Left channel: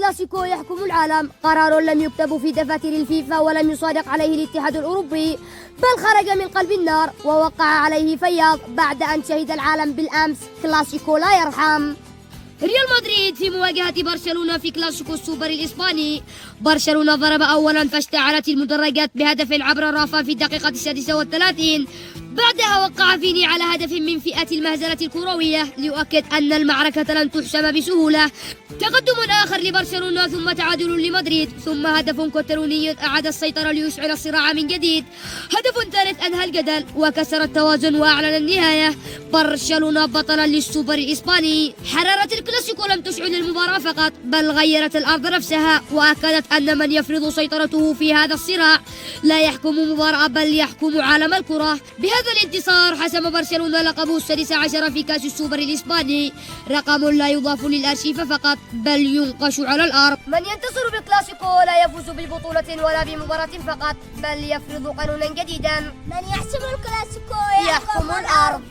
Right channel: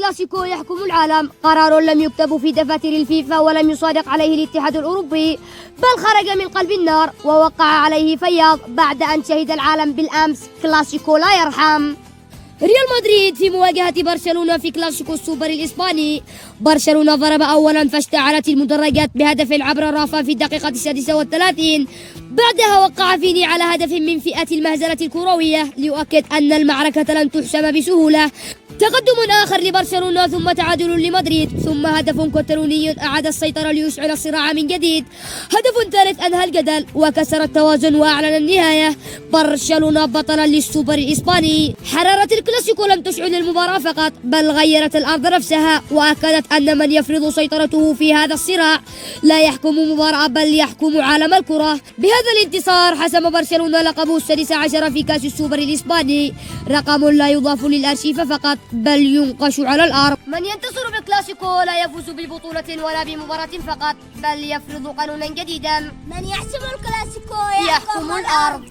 الكلاسيكو يحكم العالم، قرار لم يكتب في دفاتر الفيفا ولم يصادق عليه الاتحاد الأوروبي، بل خرج من قلب النار ووقع عليه فياض بعد أن شهد العالم بالأمس كلاسيكو لا يرحم. ريال مدريد في مواجهة برشلونة في كلاسيكو السوبر الإسباني. برشلونة ضرب أولا فاشتعلت المدرجات بهدف عبر الرافة في الدقيقة 36، بعدها وقع فيني على هدف من فئة المهزلة الكروية ليؤكد أن المعركة لن تحسم بسهولة. تقدم آخر لبرشلونة ثم تعادل لمدريد ثم هدف كتالوني أعاد السيطرة ليشعل الصراع من جديد. هدف ثالث أنهى الجدل وكسر التوازن وأعلن النهاية، برشلونة بطلا للسوبر الإسباني. حرارة الكلاسيكو لم تشعل المباراة فقط بل غيرت الأرض نفسها وأكدت أن من يفرض سيطرته في هذا الصراع لا يحكم مباراة بل يحكم عالم الكرة. بهذا الانتصار حسم برشلونة لقبه السادس عشر في كأس السوبر الإسباني، رقم لا يضاف للأرشيف فقط بل ينقش على الأرض. من ينتصر بالكلاسيكو لا يفوز ببطولة ولا بمباراة فقط بل يفرض قانونا جديدا. من يحسم الكلاسيكو يحكم الأرض.